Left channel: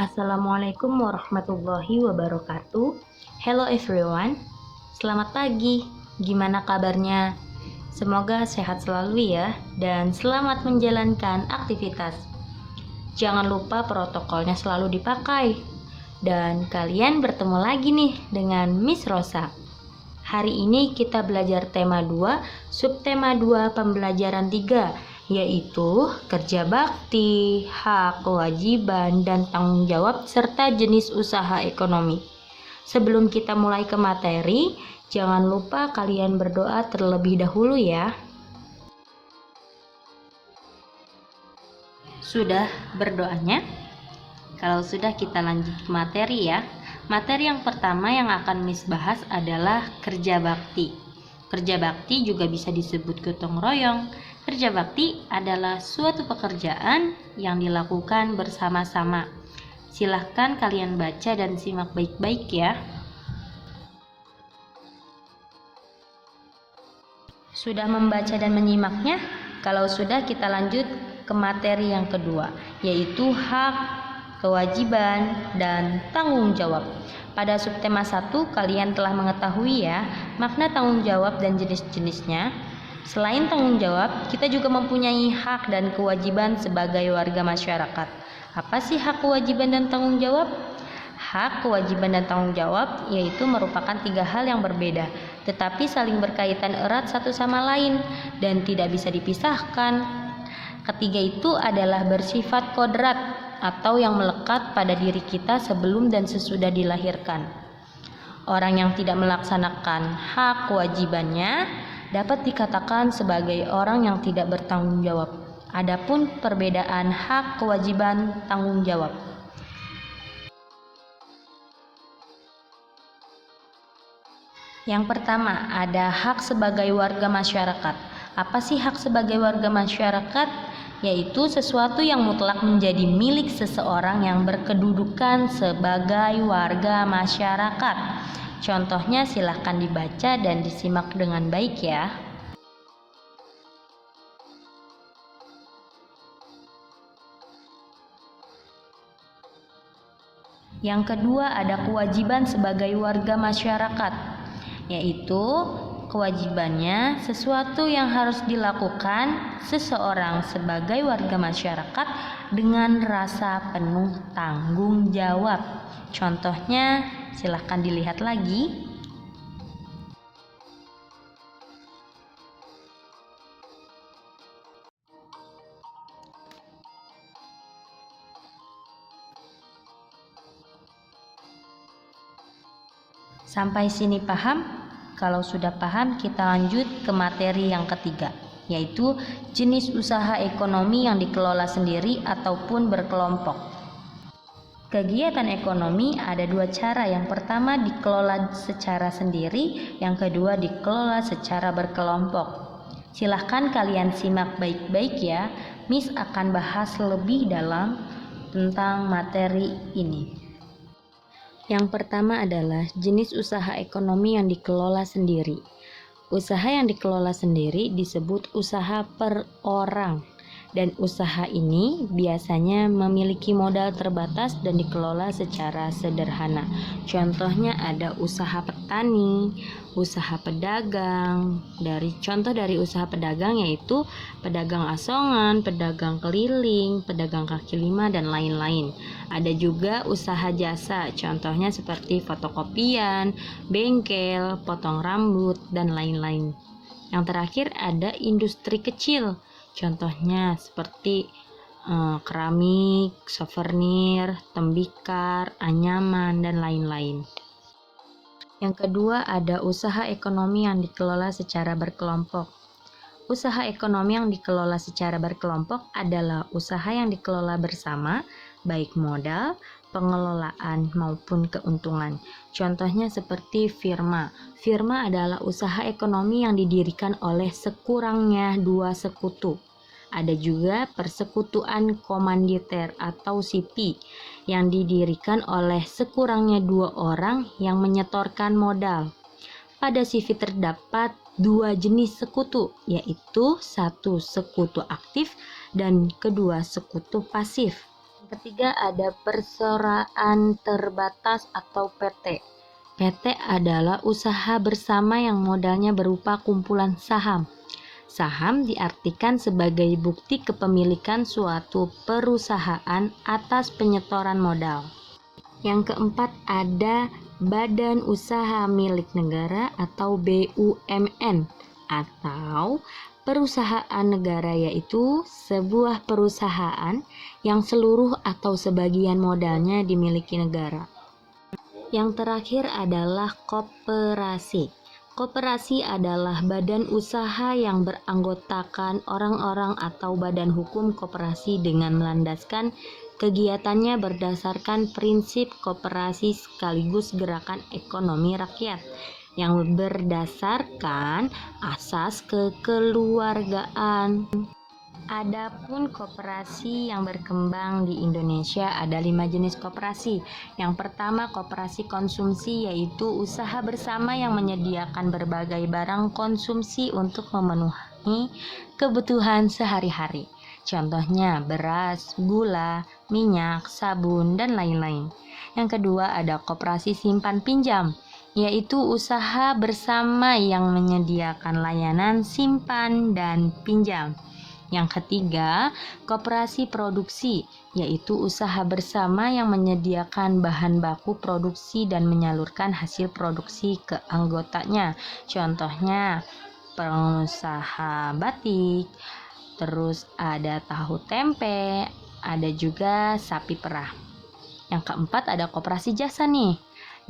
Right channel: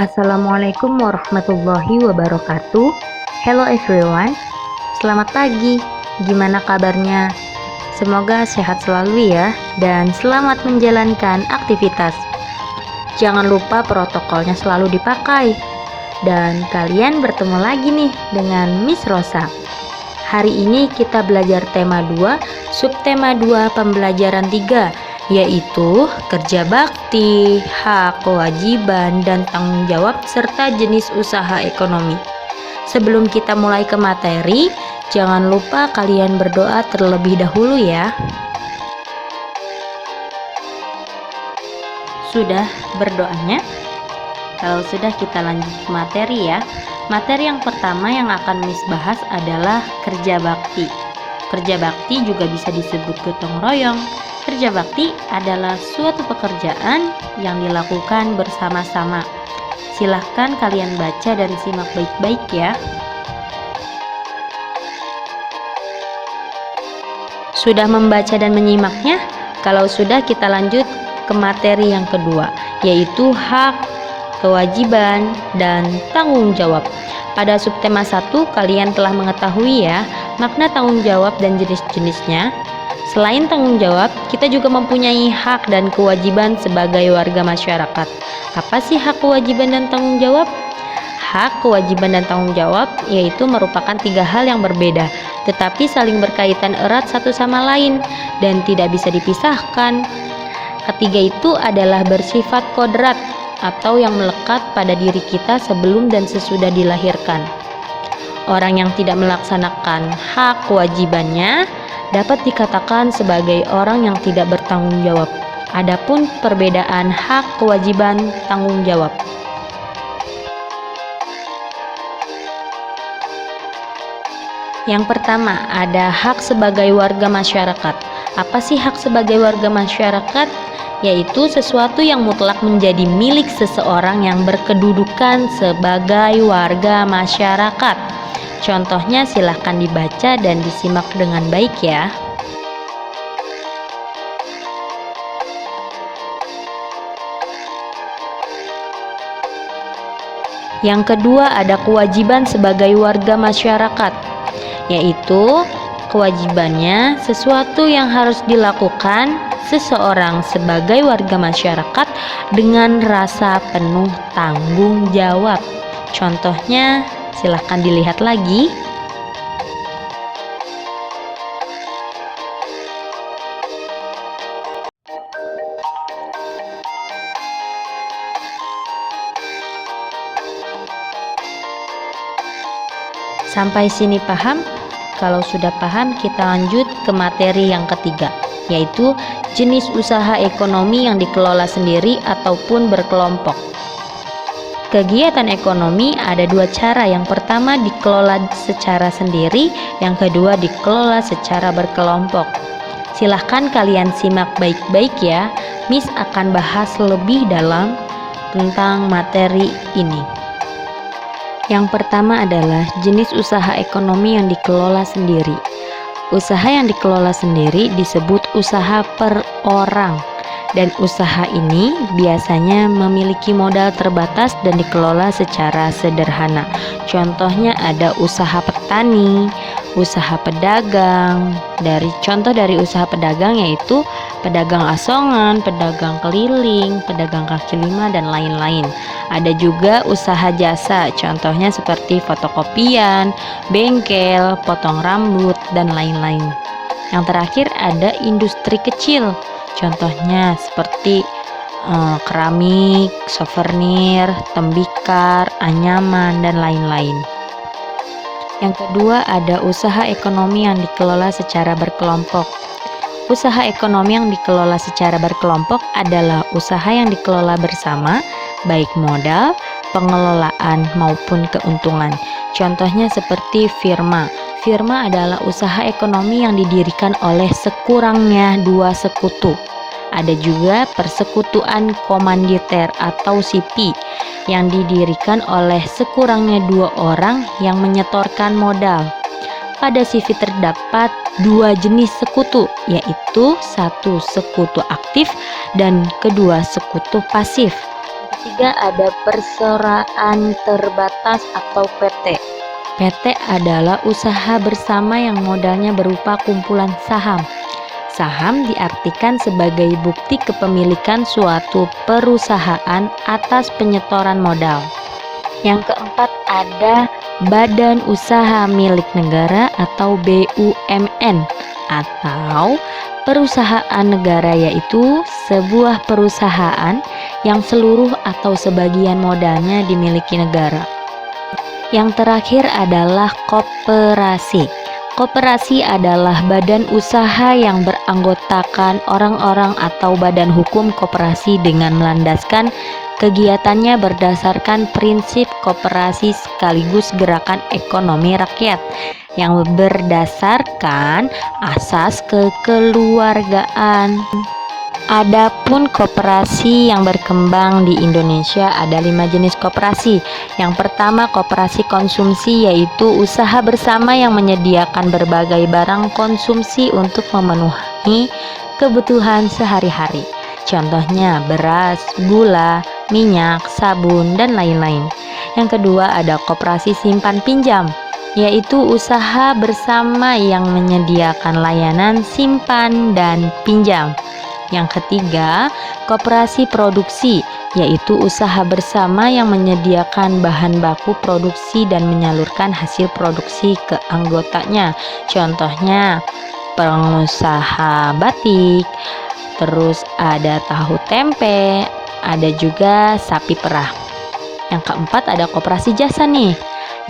Assalamualaikum warahmatullahi wabarakatuh. Hello everyone, selamat pagi. Gimana kabarnya? Semoga sehat selalu ya, dan selamat menjalankan aktivitas. Jangan lupa protokolnya selalu dipakai. Dan kalian bertemu lagi nih dengan Miss Rosa. Hari ini kita belajar tema 2, subtema 2 pembelajaran 3, yaitu kerja bakti, hak, kewajiban, dan tanggung jawab, serta jenis usaha ekonomi. Sebelum kita mulai ke materi, jangan lupa kalian berdoa terlebih dahulu ya. Sudah berdoanya? Kalau sudah, kita lanjut ke materi ya. Materi yang pertama yang akan Miss bahas adalah kerja bakti. Kerja bakti juga bisa disebut gotong royong. Kerja bakti adalah suatu pekerjaan yang dilakukan bersama-sama. Silahkan kalian baca dan simak baik-baik ya. Sudah membaca dan menyimaknya? Kalau sudah, kita lanjut ke materi yang kedua, yaitu hak, kewajiban, dan tanggung jawab. Pada subtema 1, kalian telah mengetahui ya makna tanggung jawab dan jenis-jenisnya. Selain tanggung jawab, kita juga mempunyai hak dan kewajiban sebagai warga masyarakat. Apa sih hak, kewajiban, dan tanggung jawab? Hak, kewajiban, dan tanggung jawab yaitu merupakan 3 hal yang berbeda, tetapi saling berkaitan erat satu sama lain dan tidak bisa dipisahkan. Ketiga itu adalah bersifat kodrat atau yang melekat pada diri kita sebelum dan sesudah dilahirkan. Orang yang tidak melaksanakan hak kewajibannya dapat dikatakan sebagai orang yang tidak bertanggung jawab. Adapun perbedaan hak, kewajiban, tanggung jawab. Yang pertama, ada hak sebagai warga masyarakat. Apa sih hak sebagai warga masyarakat? Yaitu sesuatu yang mutlak menjadi milik seseorang yang berkedudukan sebagai warga masyarakat. Contohnya silahkan dibaca dan disimak dengan baik ya. Yang kedua, ada kewajiban sebagai warga masyarakat, yaitu kewajibannya sesuatu yang harus dilakukan seseorang sebagai warga masyarakat dengan rasa penuh tanggung jawab. Contohnya silahkan dilihat lagi. Sampai sini paham? Kalau sudah paham, kita lanjut ke materi yang ketiga, yaitu jenis usaha ekonomi yang dikelola sendiri ataupun berkelompok. Kegiatan ekonomi ada 2 cara. Yang pertama dikelola secara sendiri, yang kedua dikelola secara berkelompok. Silahkan kalian simak baik-baik ya. Miss akan bahas lebih dalam tentang materi ini. Yang pertama adalah jenis usaha ekonomi yang dikelola sendiri. Usaha yang dikelola sendiri disebut usaha per orang. Dan usaha ini biasanya memiliki modal terbatas dan dikelola secara sederhana. Contohnya ada usaha petani, usaha pedagang. Contoh dari usaha pedagang yaitu pedagang asongan, pedagang keliling, pedagang kaki lima, dan lain-lain. Ada juga usaha jasa, contohnya seperti fotokopian, bengkel, potong rambut, dan lain-lain. Yang terakhir ada industri kecil. Contohnya seperti keramik, souvenir, tembikar, anyaman, dan lain-lain. Yang kedua ada usaha ekonomi yang dikelola secara berkelompok. Usaha ekonomi yang dikelola secara berkelompok adalah usaha yang dikelola bersama, baik modal, pengelolaan, maupun keuntungan. Contohnya seperti firma. Firma adalah usaha ekonomi yang didirikan oleh sekurangnya 2 sekutu. Ada juga persekutuan komanditer atau SIPI yang didirikan oleh sekurangnya 2 orang yang menyetorkan modal. Pada CV terdapat 2 jenis sekutu, yaitu 1 sekutu aktif dan kedua sekutu pasif. ketiga ada perseraan terbatas atau PT. PT adalah usaha bersama yang modalnya berupa kumpulan saham. Saham diartikan sebagai bukti kepemilikan suatu perusahaan atas penyetoran modal. Yang keempat ada Badan Usaha Milik Negara atau BUMN atau perusahaan negara, yaitu sebuah perusahaan yang seluruh atau sebagian modalnya dimiliki negara. Yang terakhir adalah koperasi. Koperasi adalah badan usaha yang beranggotakan orang-orang atau badan hukum koperasi dengan melandaskan kegiatannya berdasarkan prinsip koperasi sekaligus gerakan ekonomi rakyat yang berdasarkan asas kekeluargaan. Adapun koperasi yang berkembang di Indonesia ada 5 jenis koperasi. Yang pertama, koperasi konsumsi, yaitu usaha bersama yang menyediakan berbagai barang konsumsi untuk memenuhi kebutuhan sehari-hari. Contohnya beras, gula, minyak, sabun, dan lain-lain. Yang kedua ada koperasi simpan pinjam, yaitu usaha bersama yang menyediakan layanan simpan dan pinjam. Yang ketiga, koperasi produksi, yaitu usaha bersama yang menyediakan bahan baku produksi dan menyalurkan hasil produksi ke anggotanya. Contohnya pengusaha batik, terus ada tahu tempe, ada juga sapi perah. Yang keempat ada koperasi jasa nih,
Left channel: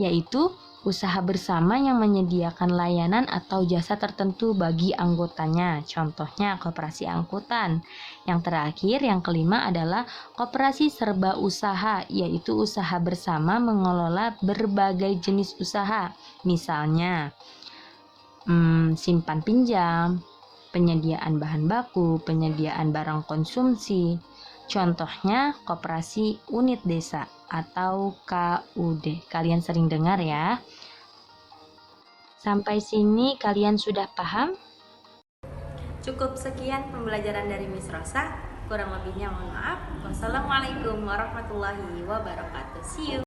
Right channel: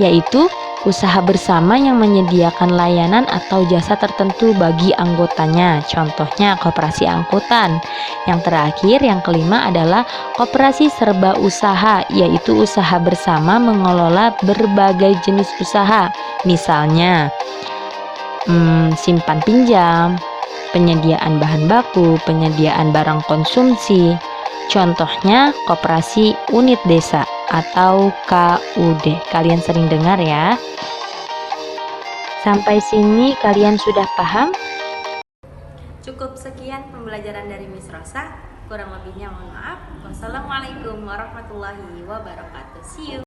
yaitu usaha bersama yang menyediakan layanan atau jasa tertentu bagi anggotanya. Contohnya koperasi angkutan. Yang terakhir, yang kelima adalah koperasi serba usaha, yaitu usaha bersama mengelola berbagai jenis usaha. Misalnya simpan pinjam, penyediaan bahan baku, penyediaan barang konsumsi. Contohnya koperasi unit desa atau KUD. Kalian sering dengar ya. Sampai sini kalian sudah paham? Cukup sekian pembelajaran dari Miss Rosa. Kurang lebihnya mohon maaf. Wassalamualaikum warahmatullahi wabarakatuh. See you.